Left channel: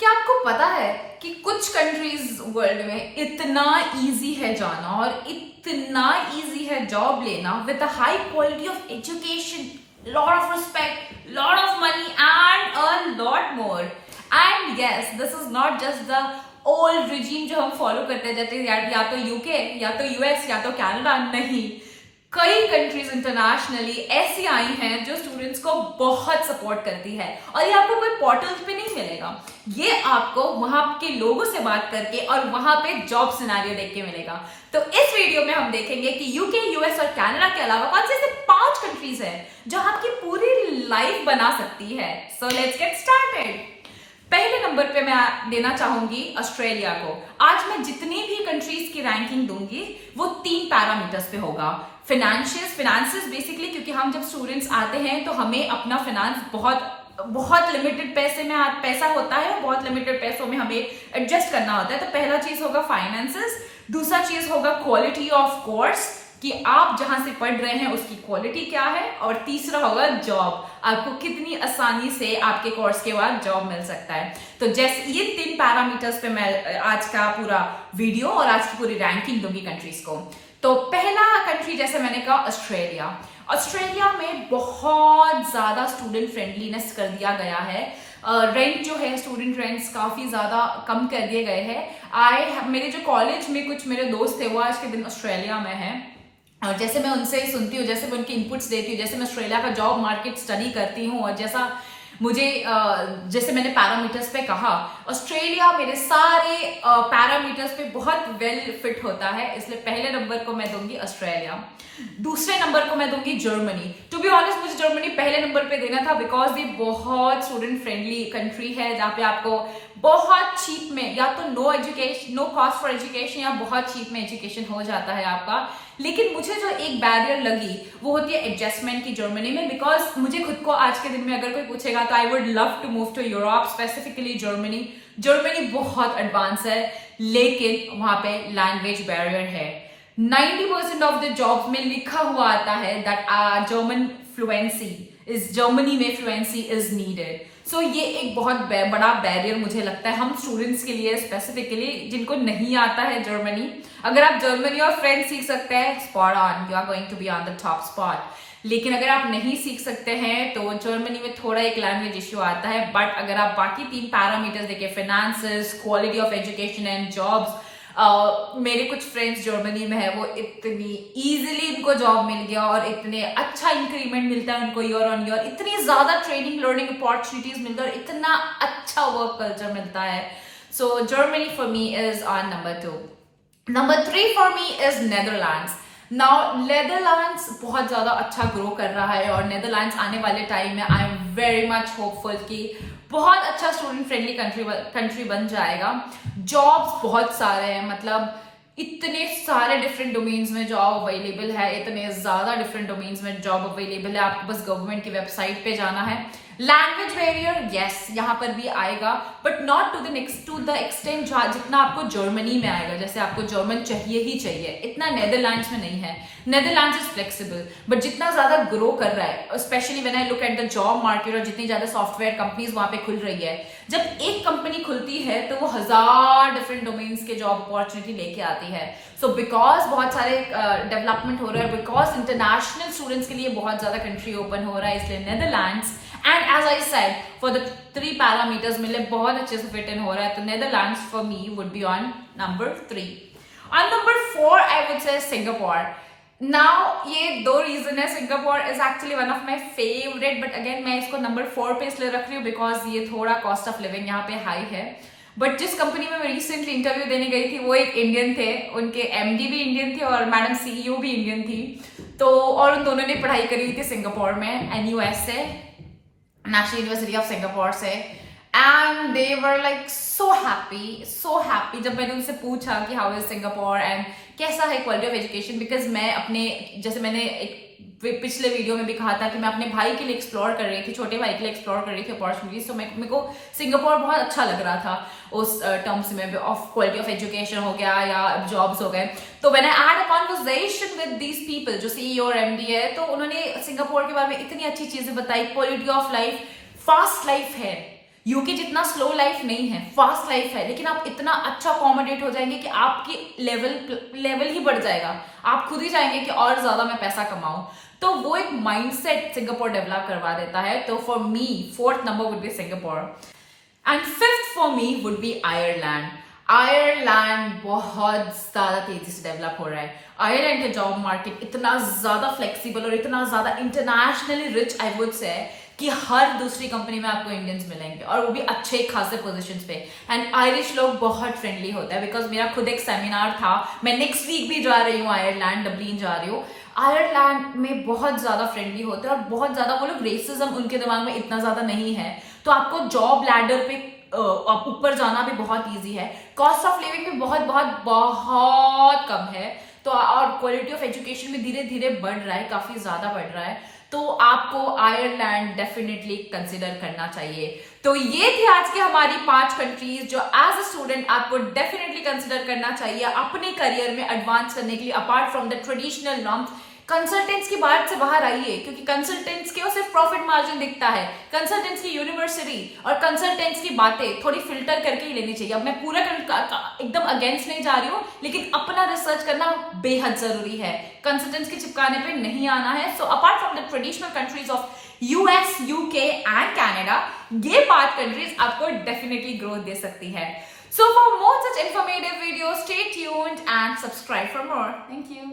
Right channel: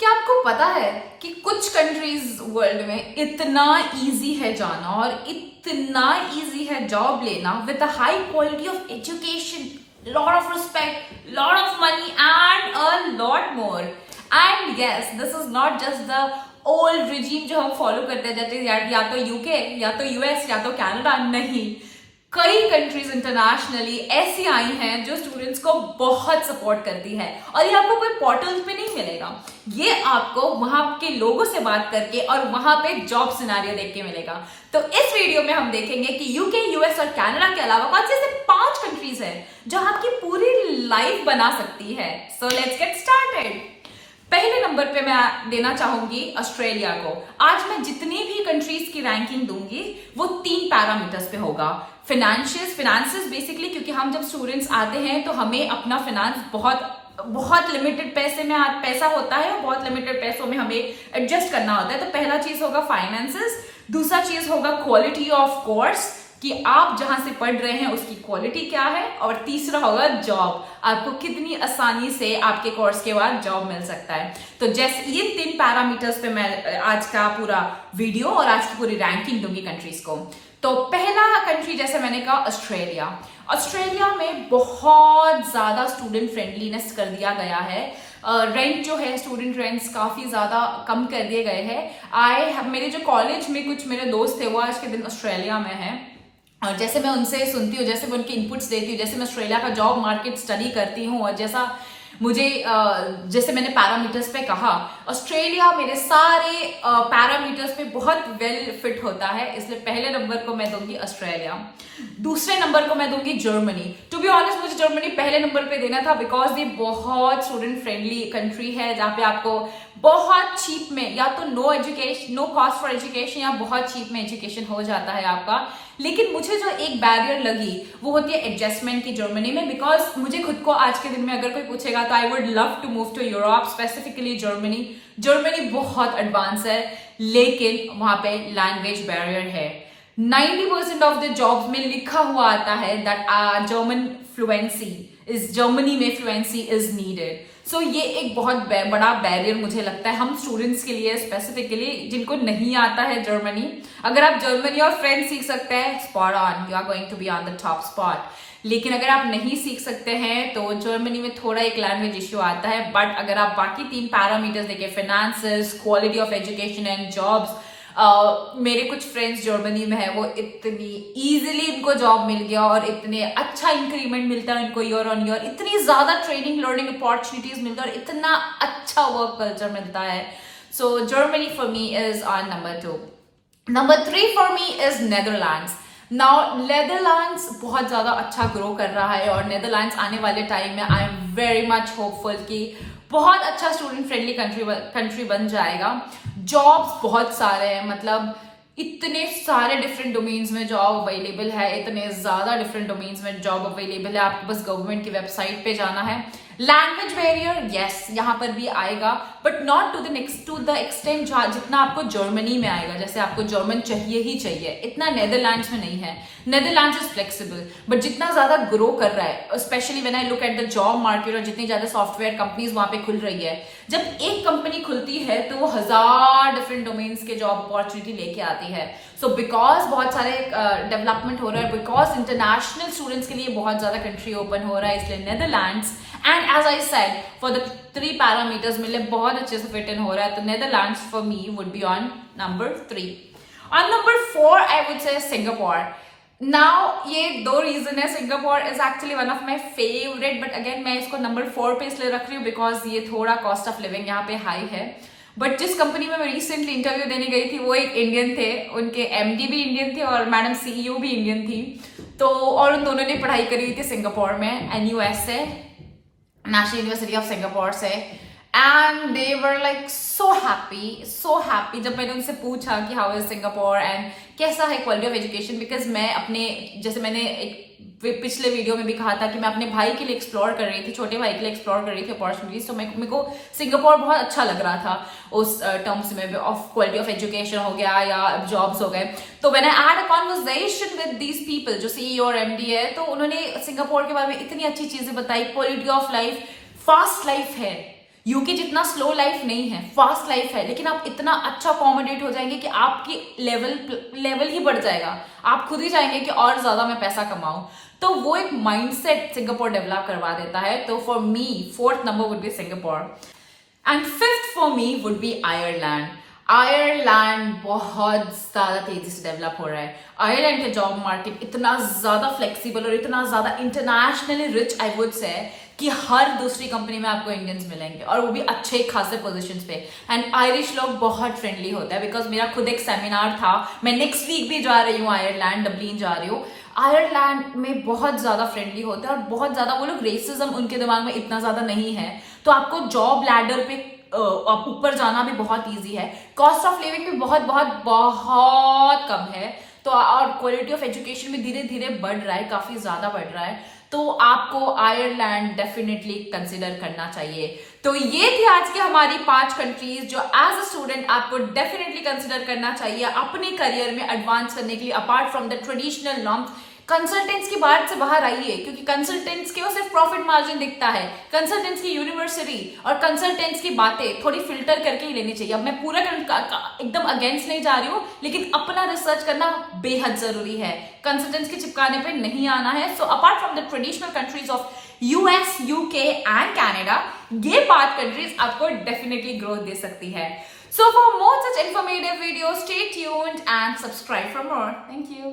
क्या आपको पता है कि कुछ कंट्रीज वर्ल्ड में इतना इजी है जाना और इतना इजी है जॉब लेना with a high quality of education, lot of respect, lot of money and a lot more. And yes, this is not just the old regime जो हम फॉलो करते जाते हैं, या तो यूके या तो यूएस या तो कनाडा। नहीं, कई कंट्रीज इंटरनेशनली ऐसी आई हैं जो स्टूडेंट्स को बहुत सपोर्ट करती है। और ये आपको कोई पोर्टल्स पे नहीं मिलेगा, ये आपको वहां के लोगों से बात करके और वहां पे जॉब सिनेरियो देख के मिलेगा। तो इस वीडियो में हम देखेंगे कि यूके, यूएस और कनाडा के अलावा कौन से ऐसे 5 कंट्रीज हैं जो आपकी पूरी लाइफ बना सकती है। So let's get started. पहले नंबर पे मैं देना चाहूंगी ऑस्ट्रेलिया को। आज मैं जितनी भी कंट्रीज की रैंकिंग दूंगी वो 3 पैरामीटर्स पे होगा। फिनेंसेस बेसिकली, क्योंकि हम जब स्टूडेंट्स आते हैं तो हमें अपना फिनेंस बहुत लिमिटेड पैसा होता है और बहुत लिमिटेड पैसों में हमें एडजस्ट करना होता है। तो पहला चीज होगा फाइनेंसेस, दूसरा चीज होगा क्वालिटी ऑफ कोर्स कि आप जहां से पढ़ रहे हैं उसकी क्वालिटी क्या है, और तीसरा होगा जॉब, आपको कितनी आसानी से आपके कोर्स के बाद जॉब मिल सकता है। तो जैसे ये 3 पैरामीटर्स पे मैं आज का पूरा वीडियो और आज की पूरी रैंकिंग दूंगी कंट्रीज को। तो पहला कंट्री, जैसे मैंने कहा, ऑस्ट्रेलिया। ऑस्ट्रेलिया में बहुत ज्यादा स्टूडेंट फ्रेंडलीनेस कर दिया गया है। रेंट जो है, स्टूडेंट रेंट्स काफी ज्यादा कम कर दिए गए हैं। मेरे जो कॉलेज में कुछ मेरे दोस्त थे वो आज के दिन ऑस्ट्रेलिया में हैं, और जैसे मैं उनसे सुनती हूँ, जैसे मैं उनके इनपुट्स देती हूँ, जैसे मैं ऑस्ट्रेलिया का जॉब मार्केट स्टडी करती हूँ, और जैसे मैंने पैरामीटर्स पे कहा, ऑस्ट्रेलिया मेरे सारे पैरामीटर्स पे बहुत वेल फिट होता है, इसलिए पहले नंबर को मैं दूंगी ऑस्ट्रेलिया। दूसरे नंबर को मैं दूंगी जर्मनी। टू बी ऑनेस्ट, मुझे जर्मनी पहले नंबर पे देना था बिकॉज ये बहुत स्टूडेंट फ्रेंडली कंट्री है, जहाँ पे आपको बहुत चीप में, या तो नो कॉस्ट फॉर एजुकेशन, या बहुत चीप में एजुकेशन हो जाता है आपका। लेकिन मुझे जो एक बैरियर लगी वो होती है एडजस्टमेंट की जर्मनी में, बिकॉज मुझे खुद को आज के दिन में अगर कोई पूछेगा तो I would love to move to Europe, specifically Germany. Germany बहुत एडवांस है, लेकिन वहां पे लैंग्वेज बैरियर है। 90% ऑफ द जॉब्स में लिखा हुआ आता है दैट जर्मनी में फ्लुएंसी इज नीडेड। सो ये एक बहुत बड़ा बैरियर मुझे लगता है हम स्टूडेंट्स के लिए, स्पेसिफिकली जिनको नहीं आता है जर्मनी। अगर आप जर्मनी और फ्रेंच सीख सकते हैं, spot on, you are going to be on the top spot. लेकिन अगर आप नहीं सीख सकते हैं तो जर्मनी में थोड़ा एक लैंग्वेज इश्यू आता है। बट अगर आप बाकी 3 पैरामीटर्स देखें, finances, quality of education and jobs, मेरे कुछ फ्रेंड्स जर्मनी में है, वो इतनी इजीली इनको जॉब मिल गया और इतने अच्छा इंक्रीमेंट मिलता है उनको ईयर ऑन ईयर, इतनी ज्यादा ट्रेनिंग लर्निंग अपॉर्चुनिटीज मिलता है और इतना अच्छा वर्क कल्चर मिलता है। So Germany for me is on number 2। Number 3 for me is Netherlands. Now Netherlands बहुत ज्यादा अच्छा ग्रो कर रहा है, और नेदरलैंड्स आने वाले टाइम में I am very much hopeful कि बहुत अच्छा स्टूडेंट फ्रेंडली कंट्री बन जाएगा। जॉब्स बहुत सारे हैं, मतलब इतने सारे डिफरेंट डोमेन्स में जॉब अवेलेबल है, इतने ज्यादा डिफरेंट डोमेन्स में जॉब अवेलेबल है, आपको बस गवर्नमेंट की वेबसाइट पे जाना है। लैंग्वेज बैरियर, यस, यहाँ पर भी आएगा, but not to the extent जितना आपको जर्मनी में आएगा। जैसे आपको जर्मन चाहिए ही चाहिए, इतना नेदरलैंड्स में नहीं है। नेदरलैंड्स इज फ्लेक्सिबल, बट जितना ज्यादा ग्रो कर रहा है, specially when I look at the job market, और जितनी ज्यादा सॉफ्टवेयर कंपनीज वहां पे खुल रही है, जब एक कंपनी खुलती है तो वो 1000 डिफरेंट डोमेन्स के जॉब अपॉर्चुनिटी लेके आती है। सो बिकॉज बहुत सारे डेवलपमेंट हो रहा है, बिकॉज इंटरनेशनल स्टूडेंट्स के लिए बहुत ज्यादा कंट्री ओपन हो रहा है, इसलिए Netherlands, and as I said for the 3 parameters मिले बहुत अच्छे से फिट इन हो रहा है। तो Netherlands for me would be on number 3। On number 4 I would say Singapore. Now ये 2 रीजन है। Singapore is actually one of my favourite, but again मैं इसको नंबर 4 पे इसलिए रख रही हूँ बिकॉज ये थोड़ा कॉस्ट ऑफ लिविंग यहाँ पे हाई है। बट जिस कंपनी में मैं रिसेंटली इंटरव्यू देने गई थी वो एक इंडियन थे, उनके एमडी भी इंडियन थे और मैडम सीईओ भी इंडियन थी। तो और उन दोनों ने पढ़ाई करी हुई थी सिंगापुर में, एनयूएस से, नेशनल यूनिवर्सिटी ऑफ सिंगापुर से। And they were like so happy जब मैंने उनसे पूछा कि हाउ इज सिंगापुर एंड कैसा है क्वालिटी ऑफ एजुकेशन। बिकॉज मैं अपने, जैसे मैंने एक पिछले वीडियो में भी कहा था कि मैं अपने भाई के लिए एक्सप्लोर कर रही थी, छोटे भाई के लिए एक्सप्लोर कर रही थी अपॉर्चुनिटीज। तो मेरे को सिंगापुर बहुत अच्छा लग रहा था उस टर्म्स में, ऑफ क्वालिटी ऑफ एजुकेशन हो गया या जॉब्स हो गए। तो when I had a conversation with these people जो सीईओ और एमडी है, तो उन्होंने सिंगापुर के बारे में इतनी अच्छी चीजें बताई। Quality of life, fast life है, यूके जितना स्लो लाइफ नहीं है, फास्ट लाइफ है, लेकिन आप इतना अच्छा अकोमोडेट हो जाएंगे कि आपकी लेवल ही बढ़ जाएगा। आप खुद ही चाहेंगे कि और ज्यादा मैं पैसा कमाऊं। तो वो एक माइंडसेट सिंगापुर डेवलप करवा देता है। तो for me 4th number would be Singapore and 5th for me would be Ireland. Ireland बहुत ज्यादा तेजी से डेवलप हो रहा है। आयरलैंड का जॉब मार्केट इतना ज्यादा फ्लेक्सिबल और इतना ज्यादा internationally rich I would say कि हर दूसरी कंपनी में आपको इंडियंस मिलेंगे और वो भी अच्छे खासे पोजीशंस पे। एंड आयरिश लोग बहुत फ्रेंडली होता है। बिकॉज मेरा खुद एक सेमिनार था, मैं नेक्स्ट वीक भी जा रही हूँ आयरलैंड, डब्लिन जा रही हूँ। आयरलैंड में बहुत ज्यादा फ्रेंडली होते हैं और बहुत ज्यादा वो लोग रेसिज्म उनके दिमाग में इतना ज्यादा नहीं है। तो आपको जॉब लैडर पे ऊपर जाना भी बहुत इजी है। कॉस्ट ऑफ लिविंग भी बहुत बहुत बहुत कम है। तो और क्वालिटी ऑफ एजुकेशन भी धीरे धीरे बढ़ रहा है, काफी ज्यादा बढ़ रहा है। तो आपको आयरलैंड डेफिनेटली कंसिडर करना चाहिए। तो ये थी आज की हमारी 5 कंट्रीज जो एज अ स्टूडेंट आपको डेफिनेटली कंसिडर करना चाहिए अपने करियर में एडवांस करने के लिए। Apart from the traditional norms, consultants की बात से बाहर आइए, क्योंकि कंसल्टेंट्स के सिर्फ प्रॉफिट मार्जिन दिखता है। कंसल्टेंट्स की यूनिवर्सिटी और कंसल्टेंट्स की बातें थोड़ी फिल्टर करके ही लेनी चाहिए। अब मैं पूरा एकदम अगेंस्ट नहीं जा रही हूँ, लेकिन अपना रिसर्च करना बेहद जरूरी है। कंसल्टेंट्स के चिपकाने पे नहीं आना है। So apart from the traditional countries of US, UK and Canada, ये 5 कंट्रीज आपको डेफिनेटली ग्रोथ दे सकती है। So for more such informative videos, stay tuned and subscribe for more. Thank you.